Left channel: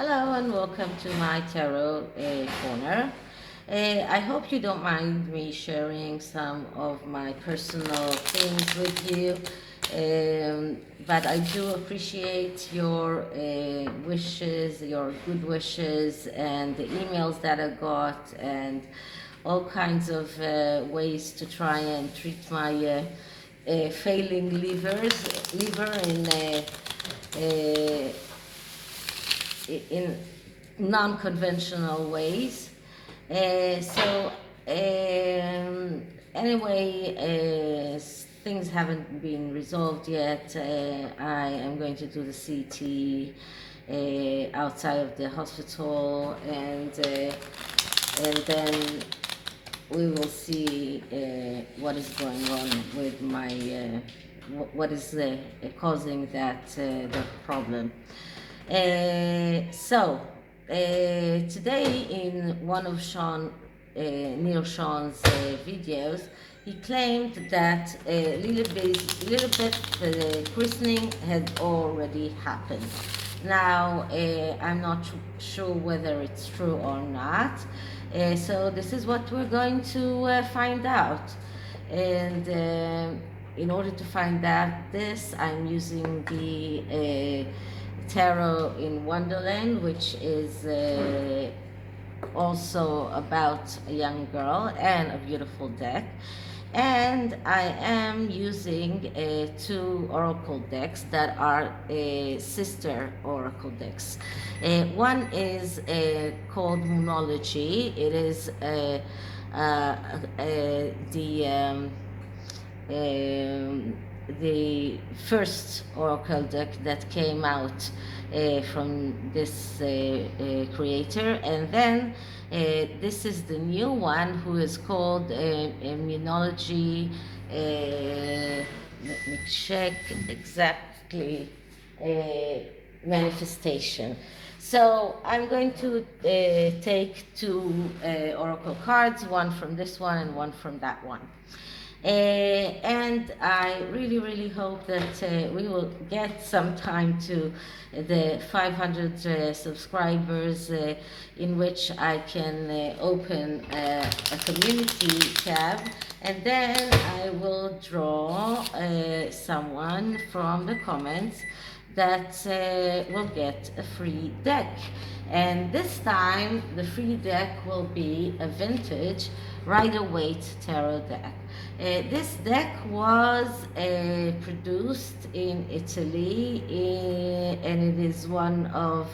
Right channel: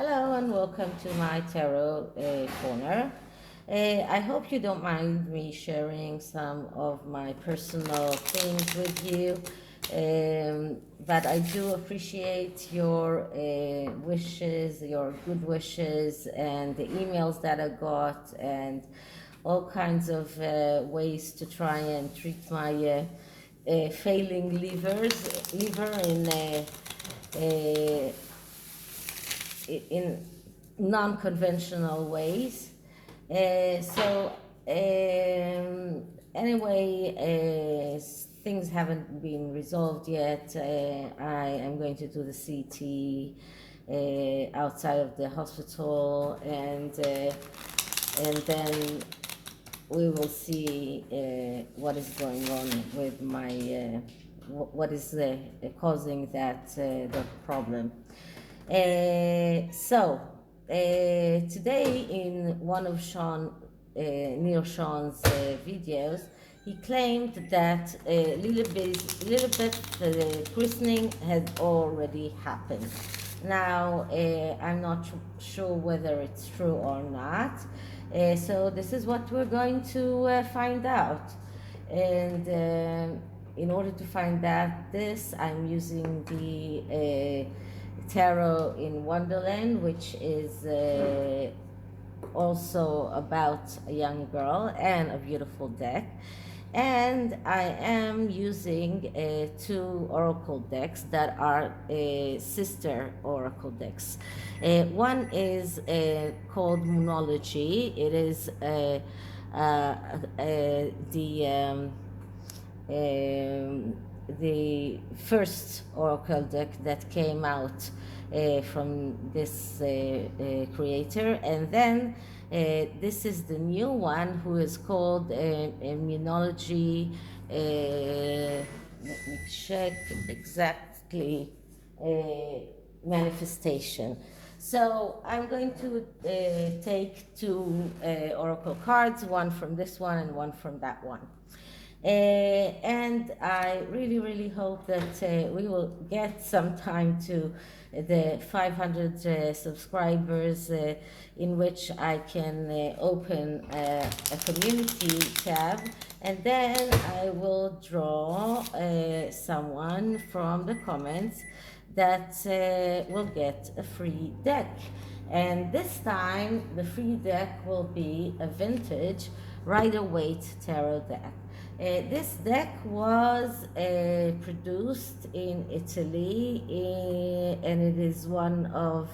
Hello and welcome to my tarot corner. I hope you don't mind me sharing some of my personal things with you, but I do appreciate your wishes, your good wishes, and the emails that I got, and all kinds of ways to try and treat my failing liver in non-conventional ways. Anyway, things haven't been resolved yet. I am going to do the CT outside of the hospital, and then we will see what is going on with my what is causing the problem. Today in one of Neil Sean's videos, he claimed that Lilibet christening had already happened. Now, I'm not sure whether it's true or not. So this is what we're going to find out. And in order to find out this, I'm using the tarot in Wonderland, which is also about a young girl, and a beautiful deck. And I am using two oracle decks that are sister oracle decks. One is called Moonology. It is the first oracle deck that came out from this creator, and then this is the new one, who is called Moonology. Let me check exactly. Manifestation. So I'm going to take two oracle cards, one from this one and one from that one. And I really hope that we will get some time to the 500 subscribers, in which I can open a community tab, and then I will draw someone from the comments that will get a free deck. And this time the free deck will be a vintage Rider-Waite tarot deck. This deck was produced in Italy, and it is one of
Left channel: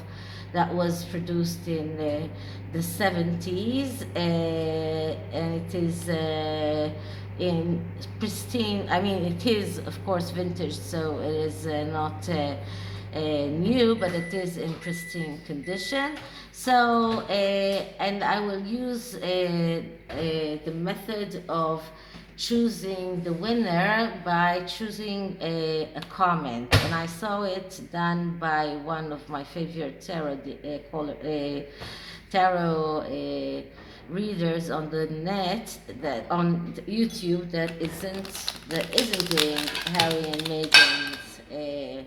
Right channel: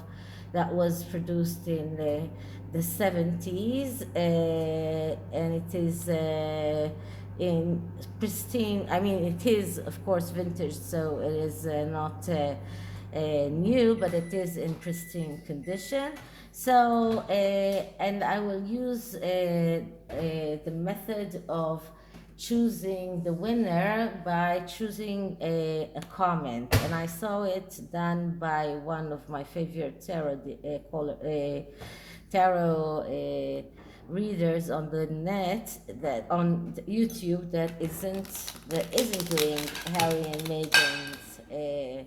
that was produced in the 70s, and it is in pristine. I mean, it is of course vintage, so it is not new, but it is in pristine condition. So and I will use the method of choosing the winner by choosing a comment, and I saw it done by one of my favorite tarot readers on the net, that on YouTube, that isn't doing Harry and Meghan's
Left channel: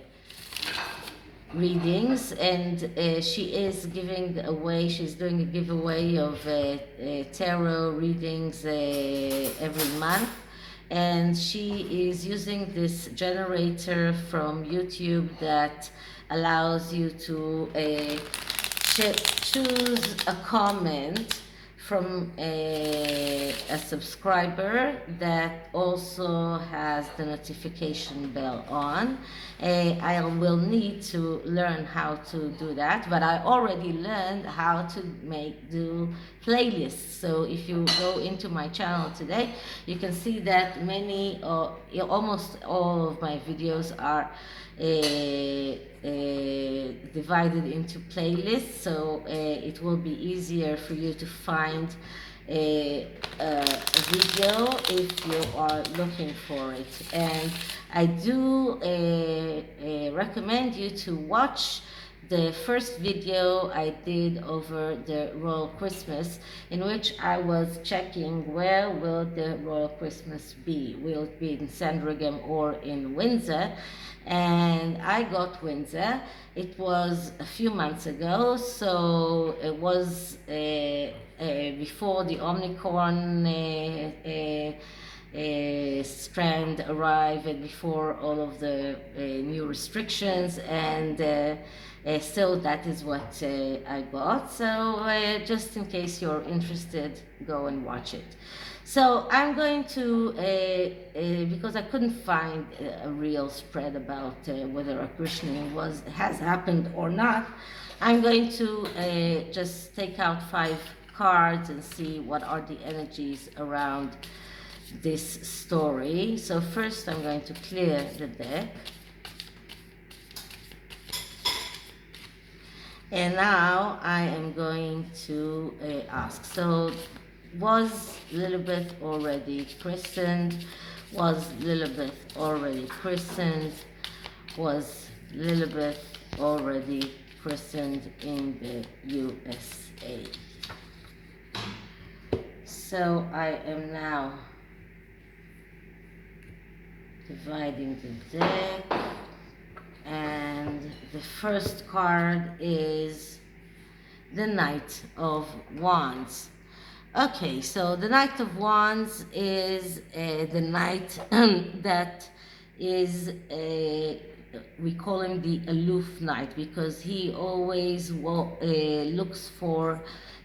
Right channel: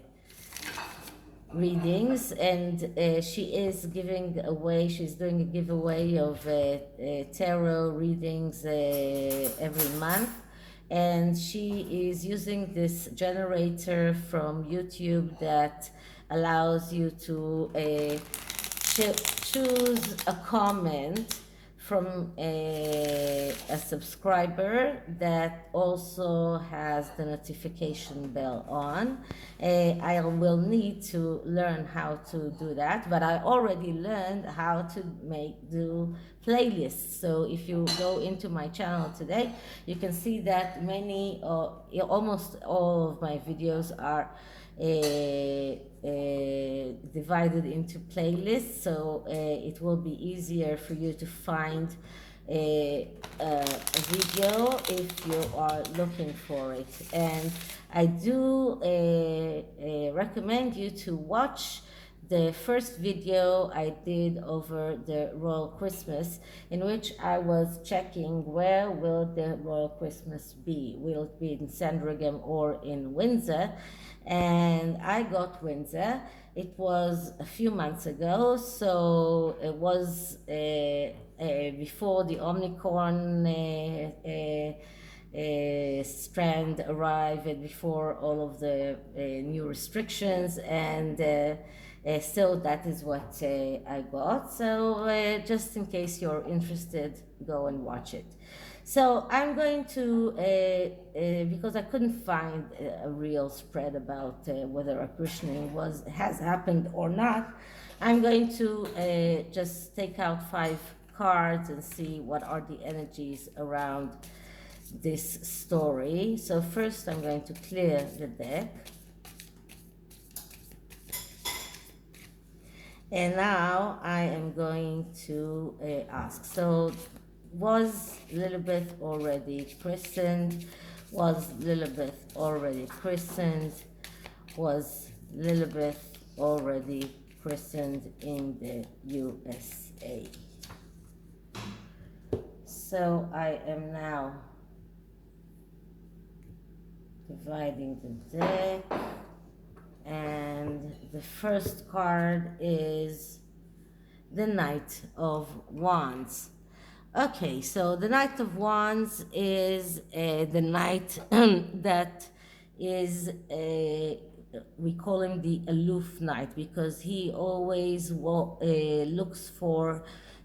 readings, and she is giving away, she's doing a giveaway of tarot readings every month, and she is using this generator from YouTube that allows you to choose a comment from a subscriber that also has the notification bell on. I will need to learn how to do that, but I already learned how to do playlists. So if you go into my channel today, you can see that almost all of my videos are divided into playlists, so it will be easier for you to find a video if you are looking for it. And I do recommend you to watch the first video I did over the Royal Christmas, in which I was checking where will the Royal Christmas be. Will it be in Sandringham or in Windsor? And I got Windsor. It was a few months ago, so it was before the Omicron strand arrived, and before all of the new restrictions, and still that is what I got. So just in case you're interested, go and watch it. So I'm going to, because I couldn't find a real spread about whether a christening has happened or not, I'm going to just take out 5 cards and see what are the energies around this story. So first I'm going to clear the deck. And now I am going to ask, so was Lilibet already christened? Was Lilibet already christened? Was Lilibet already christened in the USA? So I am now dividing the deck, and the first card is the Knight of Wands. Okay, so the Knight of Wands is the knight that is, we call him the aloof knight, because he always looks for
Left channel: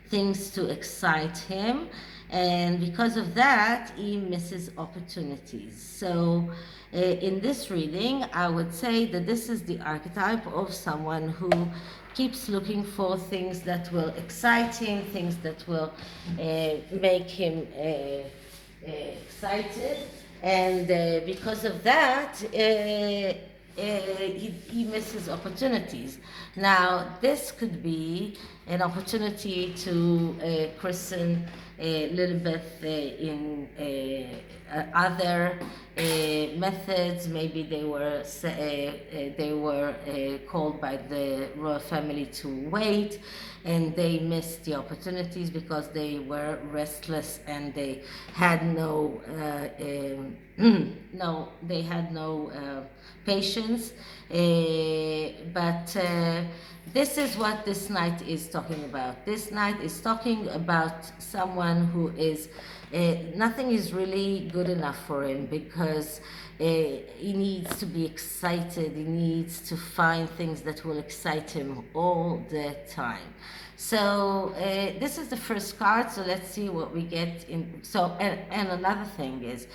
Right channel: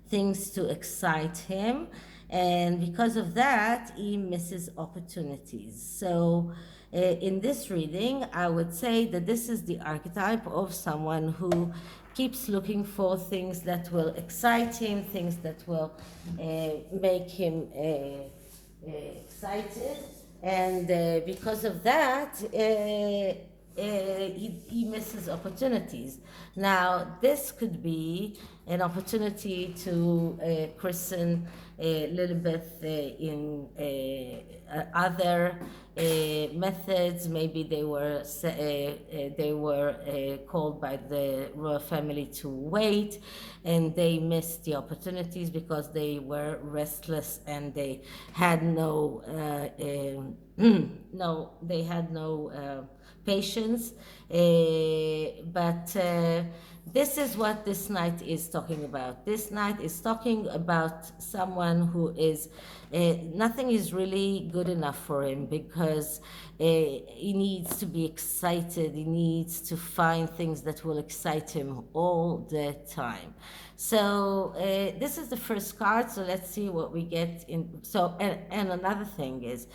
things to excite him, and because of that he misses opportunities. So in this reading I would say that this is the archetype of someone who keeps looking for things that will excite him, things that will make him excited, and because of that he misses opportunities. Now this could be an opportunity to christen a little bit in other methods. Maybe they were called by the royal family to wait, and they missed the opportunities because they were restless and they had no patience. But this is what this knight is talking about. This knight is talking about someone who is, nothing is really good enough for him, because he needs to be excited. He needs to find things that will excite him all the time. So this is the first card, so let's see what we get in. So and another thing is,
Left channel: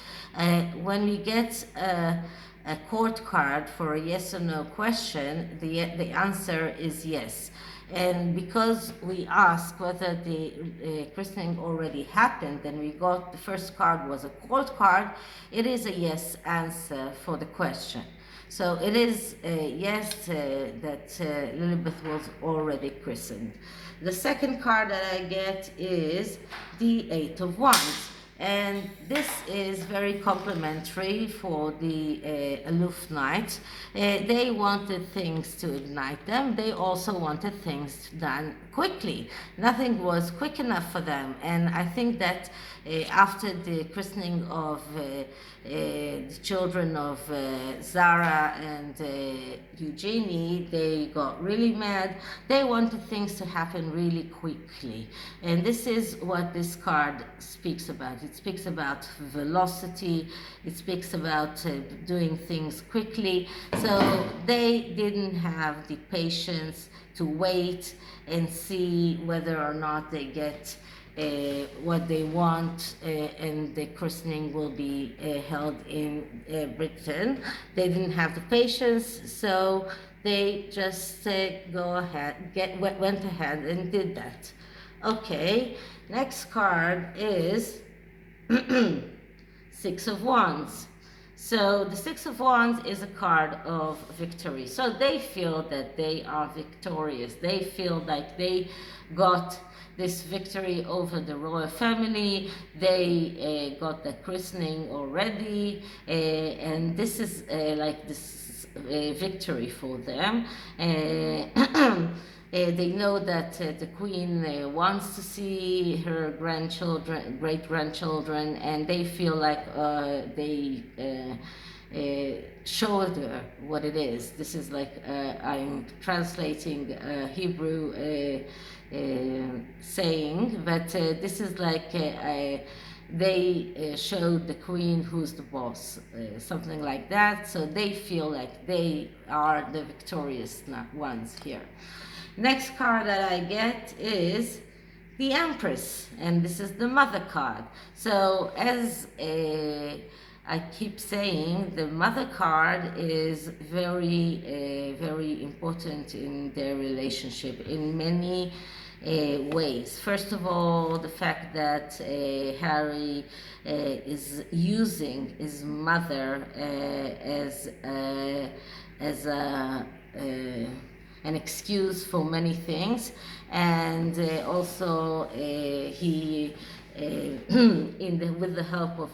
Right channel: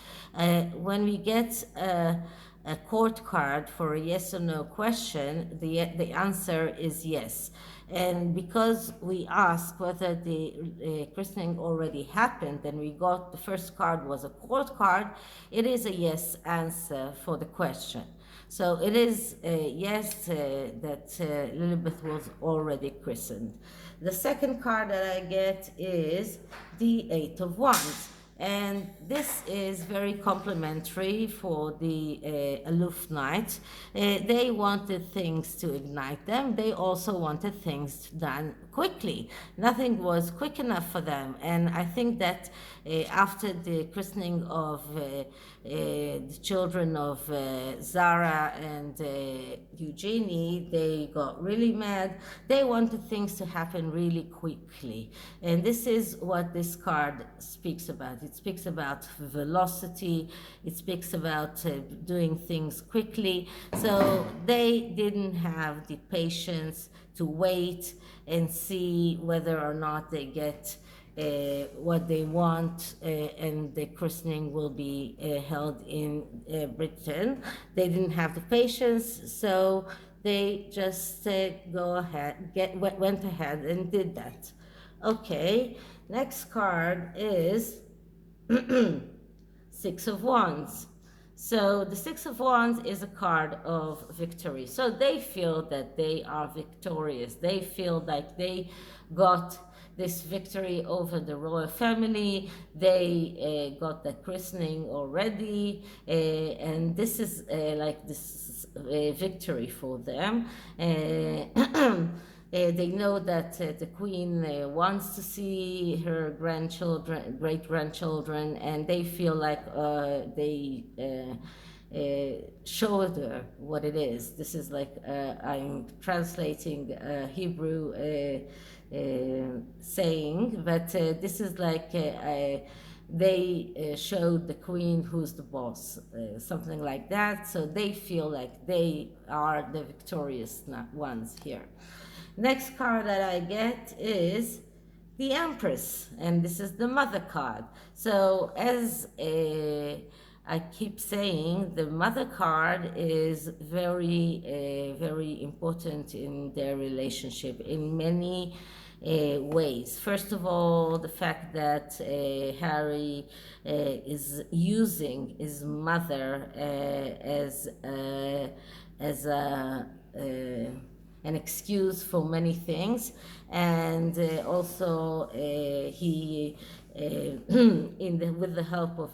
when we get a court card for a yes or no question, the answer is yes. And because we asked whether the christening already happened, and we got the first card was a court card, it is a yes answer for the question. So it is a yes that Lilibet was already christened. The second card that I get is the 8 of Wands. And this is very complimentary for the aloof knight. They wanted things to ignite them. They also wanted things done quickly. Nothing was quick enough for them. And I think that after the christening of the children of Zara and Eugenie, they got really mad. They wanted things to happen really quickly. And this is what this card speaks about. It speaks about velocity. It speaks about doing things quickly. So they didn't have the patience to wait and see whether or not they get what they want, and the christening will be held in Britain. They didn't have the patience, so they just went ahead and did that. Okay, next card is 6 of Wands. So the 6 of Wands is a card of victory. So they feel that they are victorious. They feel like they got this victory over the royal family. They got the christening already, and this is like this victory for them. They know that the queen wants to see her grandchildren, great grandchildren, and they feel like they showed her what it is. This is like I'm translating Hebrew saying, but this is like they showed the queen who's the boss, something like that. So they feel like they are the victorious ones here. Next card that I get is the Empress, and this is the Mother card. So as I keep saying, the Mother card is very important in their relationship in many ways. First of all, the fact that Harry is using his mother as an excuse for many things, and also he with the help of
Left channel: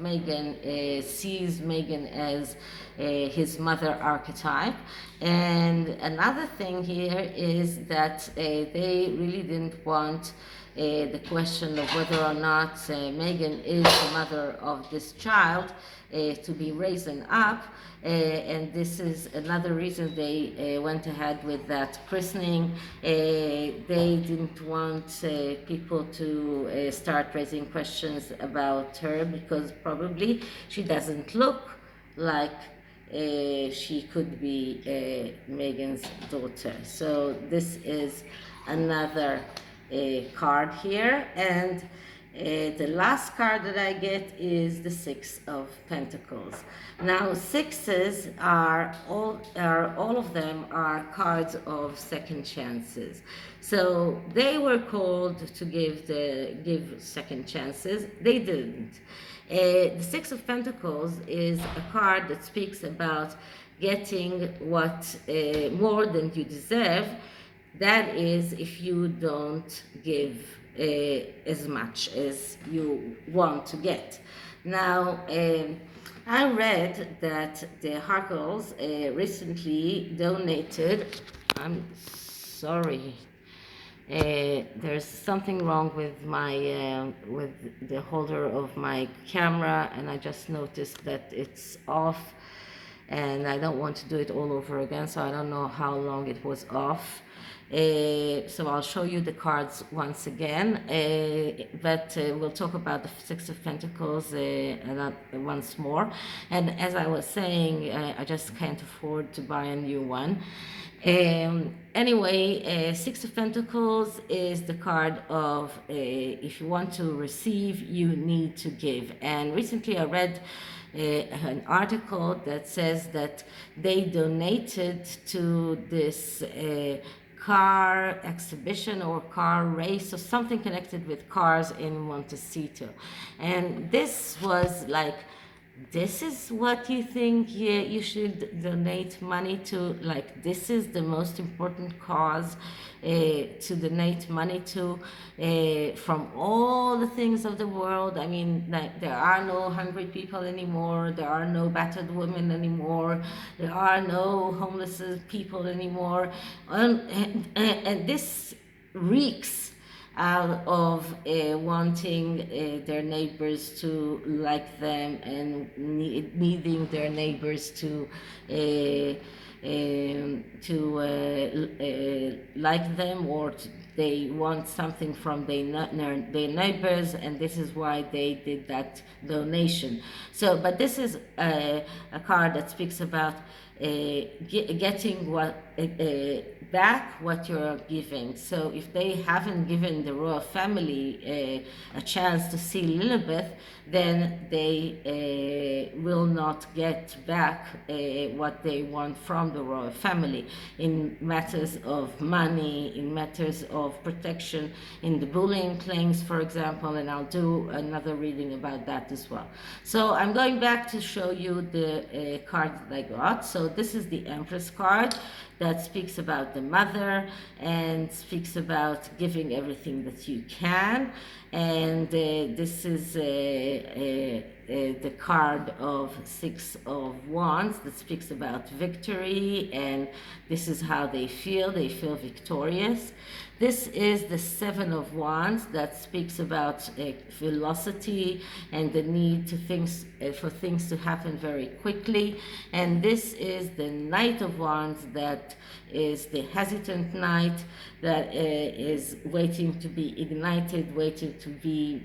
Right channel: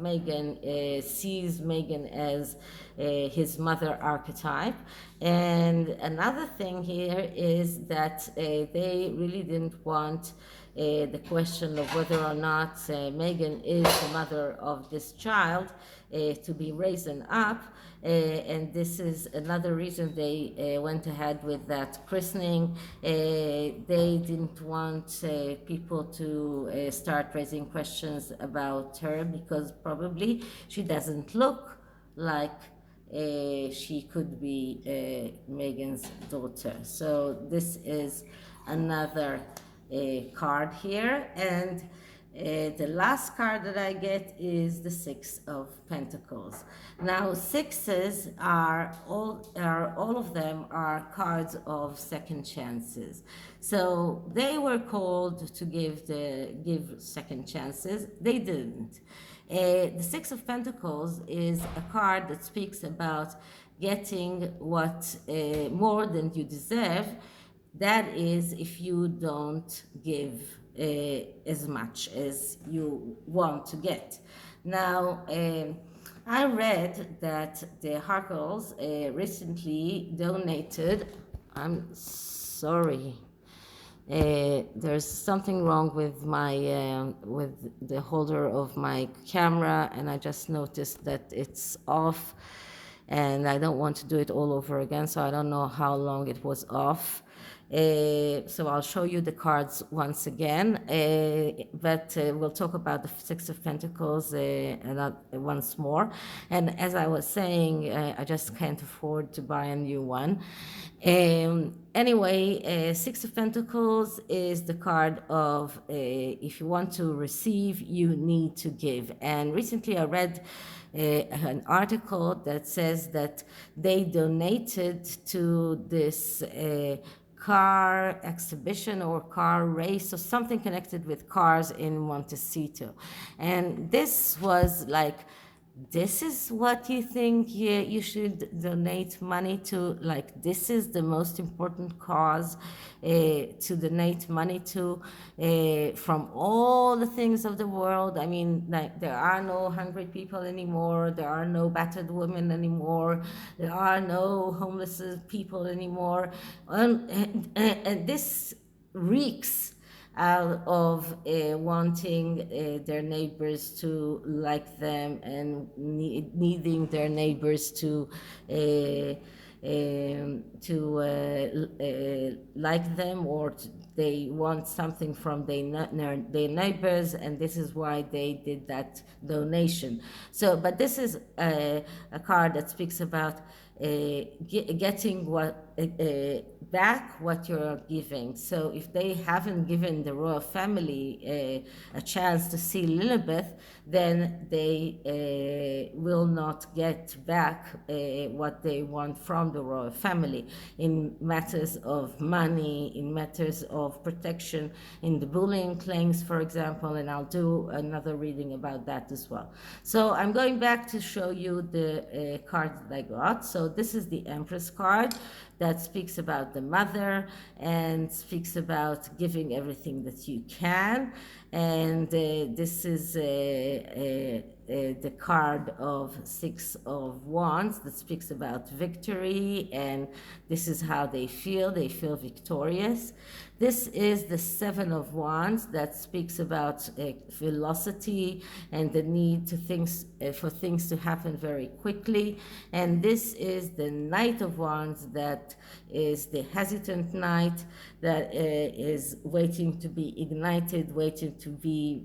Meghan sees Meghan as his mother archetype. And another thing here is that they really didn't want the question of whether or not Meghan is the mother of this child to be risen up. And this is another reason they went ahead with that christening. They didn't want people to start raising questions about her, because probably she doesn't look like she could be Meghan's daughter. So this is another card here. And the last card that I get is the Six of Pentacles. Now, sixes are all of them are cards of second chances. So they were called to give second chances. They didn't. The Six of Pentacles is a card that speaks about getting what more than you deserve. That is, if you don't give as much as you want to get. Now, I read that the Harkles recently donated. I'm sorry. There's something wrong with my with the holder of my camera, and I just noticed that it's off, and I don't want to do it all over again, so I don't know how long it was off. So I'll show you the cards once again, but we'll talk about the Six of Pentacles once more. And as I was saying, I just can't afford to buy a new one. Anyway, Six of Pentacles is the card of if you want to receive, you need to give. And recently I read an article that says that they donated to this car exhibition or car race or something connected with cars in Montecito. And this was like, this is what you think you should donate money to? Like, this is the most important cause to donate money to from all the things of the world. I mean, like, there are no hungry people anymore, there are no battered women anymore, there are no homeless people anymore, and this reeks out of wanting their neighbors to like them, and needing their neighbors to like them, or they want something from their neighbors, and this is why they did that donation. So, but this is a card that speaks about getting what back what you're giving. So if they haven't given the royal family a chance to see Lilibet, then they will not get back what they want from the royal family in matters of money, in matters of protection, in the bullying claims, for example, and I'll do another reading about that as well. So I'm going back to show you the card that I got. So this is the Empress card that speaks about the mother and speaks about giving everything that you can. And this is the card of Six of Wands that speaks about victory, and this is how they feel victorious. This is the Seven of Wands that speaks about velocity and the need to for things to happen very quickly. And this is the Knight of Wands that is the hesitant knight that is waiting to be ignited, waiting to be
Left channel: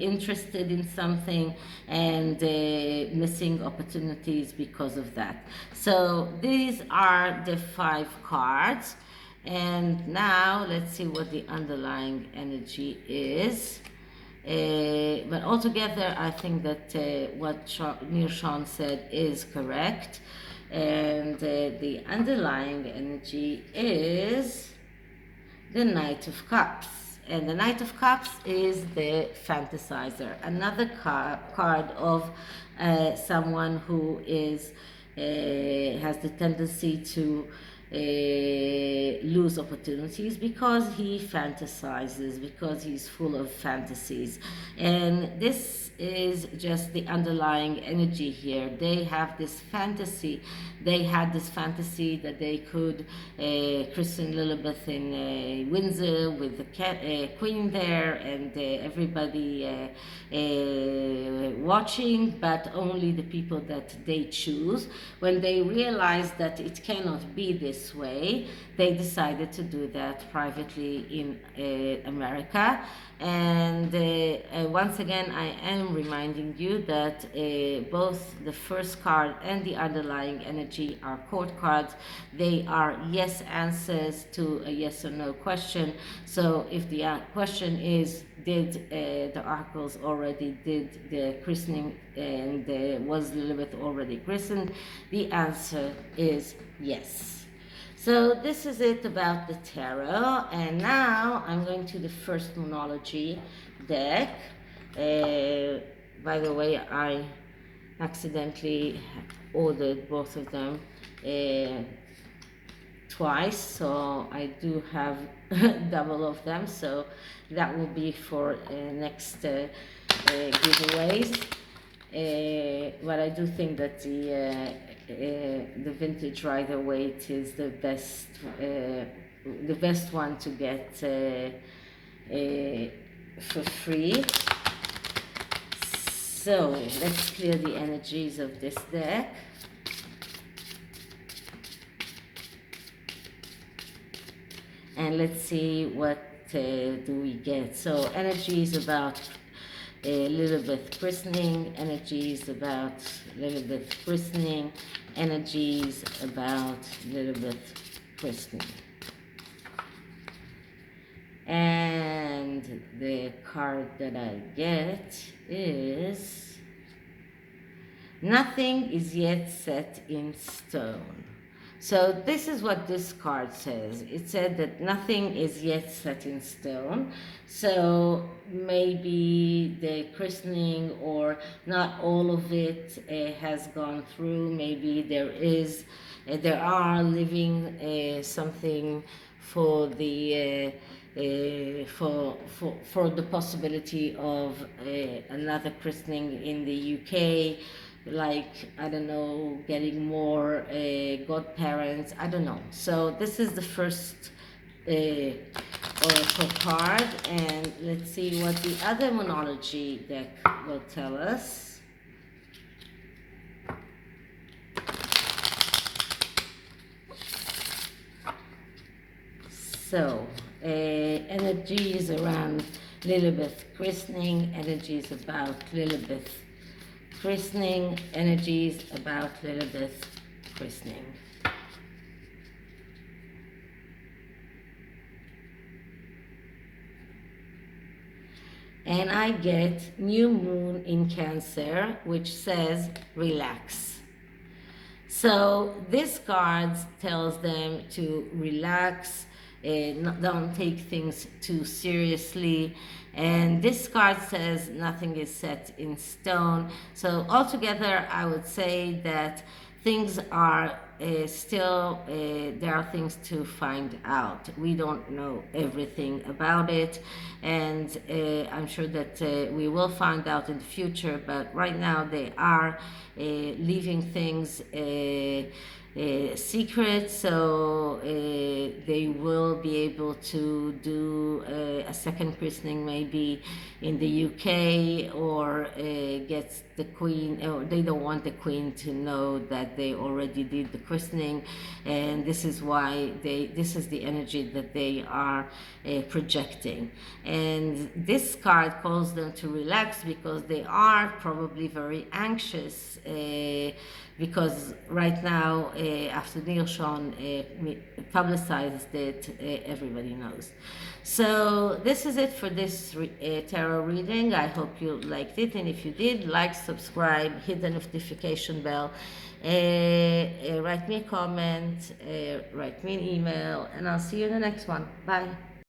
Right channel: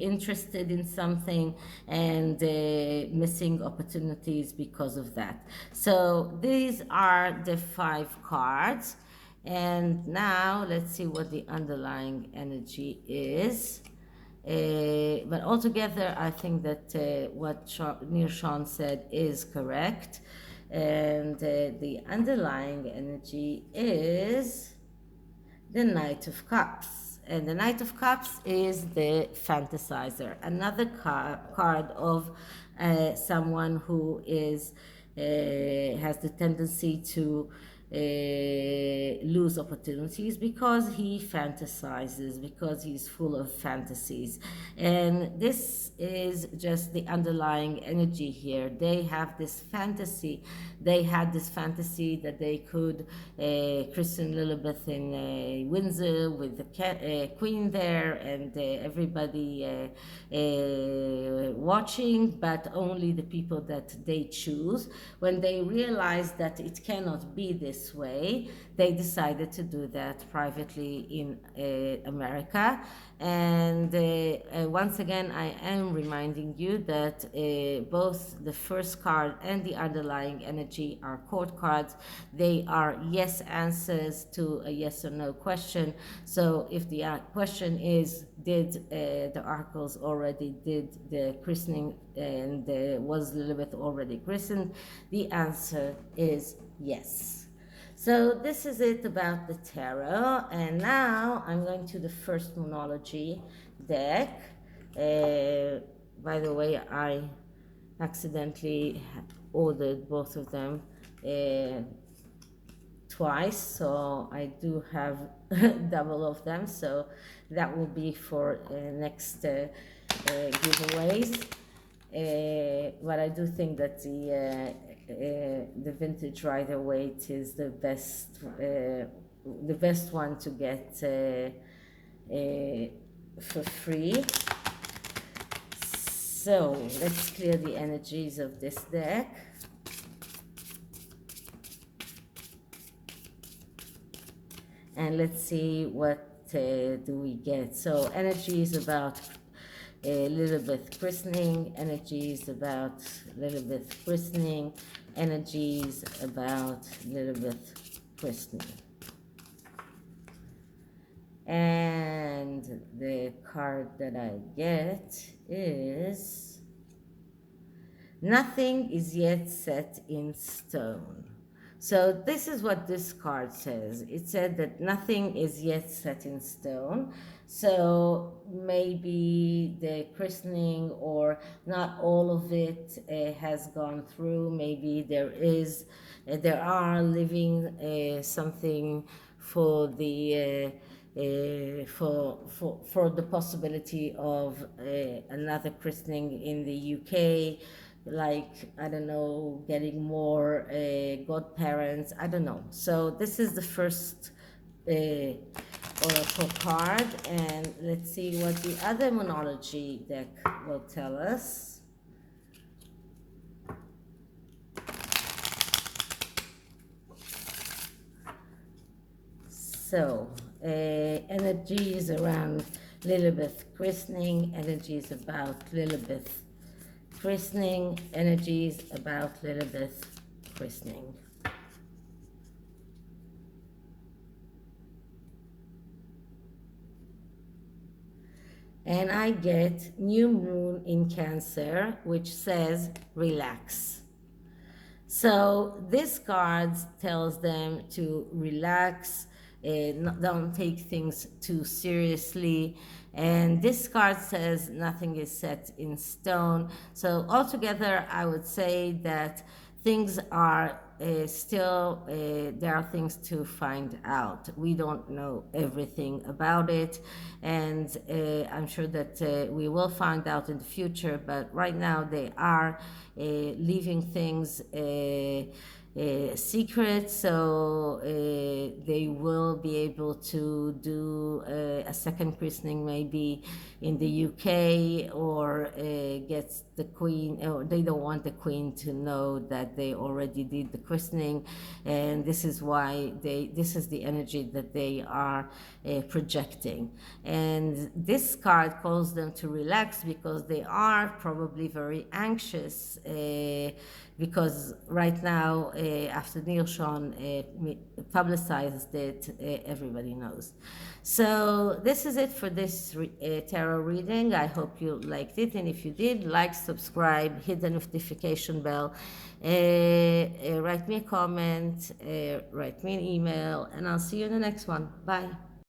interested in something, and missing opportunities because of that. So these are the 5 cards, and now let's see what the underlying energy is. But altogether, I think that what Nirshon said is correct, and the underlying energy is the Knight of Cups. And the Knight of Cups is the fantasizer, another card of someone who is has the tendency to lose opportunities because he fantasizes, because he's full of fantasies. And this is just the underlying energy here. They have this fantasy. They had this fantasy that they could christen Lilibet in Windsor with the queen there, and everybody watching, but only the people that they choose. When they realized that it cannot be this way, they decided to do that privately in America. And once again, I am reminding you that both the first card and the underlying energy are court cards. They are yes answers to a yes or no question. So if the question is, did the oracles already did the christening, and was Lilibet already christened? The answer is yes. So this is it about the tarot, and now I'm going to the first Moonology deck. By the way, I accidentally ordered both of them twice, so I do have double of them, so that will be for next giveaways. But I do think that the vintage Rider-Waite is the best one to get for free. So let's clear the energies of this deck. And let's see what do we get. So energy is about Lilibet christening, energies about Lilibet christening, energies about Lilibet christening. And the card that I get is nothing is yet set in stone. So this is what this card says. It said that nothing is yet set in stone. So maybe the christening, or not all of it has gone through. Maybe there are living something for the for the possibility of another christening in the UK. Like, I don't know, getting more godparents, I don't know. So this is the first oracle card, and let's see what the other Moonology deck will tell us. So, energies around Lilibet christening, energies about Lilibet christening, energies about Lilibet christening. And I get new moon in Cancer, which says relax. So this card tells them to relax, don't take things too seriously. And this card says nothing is set in stone. So altogether, I would say that things are still there are things to find out. We don't know everything about it, and I'm sure that we will find out in the future. But right now, they are leaving things secret, so they will be able to do a second christening maybe in the UK, or get the queen, or they don't want the queen to know that they already did the christening, and this is why this is the energy that they are projecting. And this card calls them to relax, because they are probably very anxious, because right now, after Nilsson publicized it, everybody knows. So this is it for this tarot reading. I hope you liked it, and if you did, like, subscribe, hit the notification bell, write me a comment, write me an email, and I'll see you in the next one. Bye.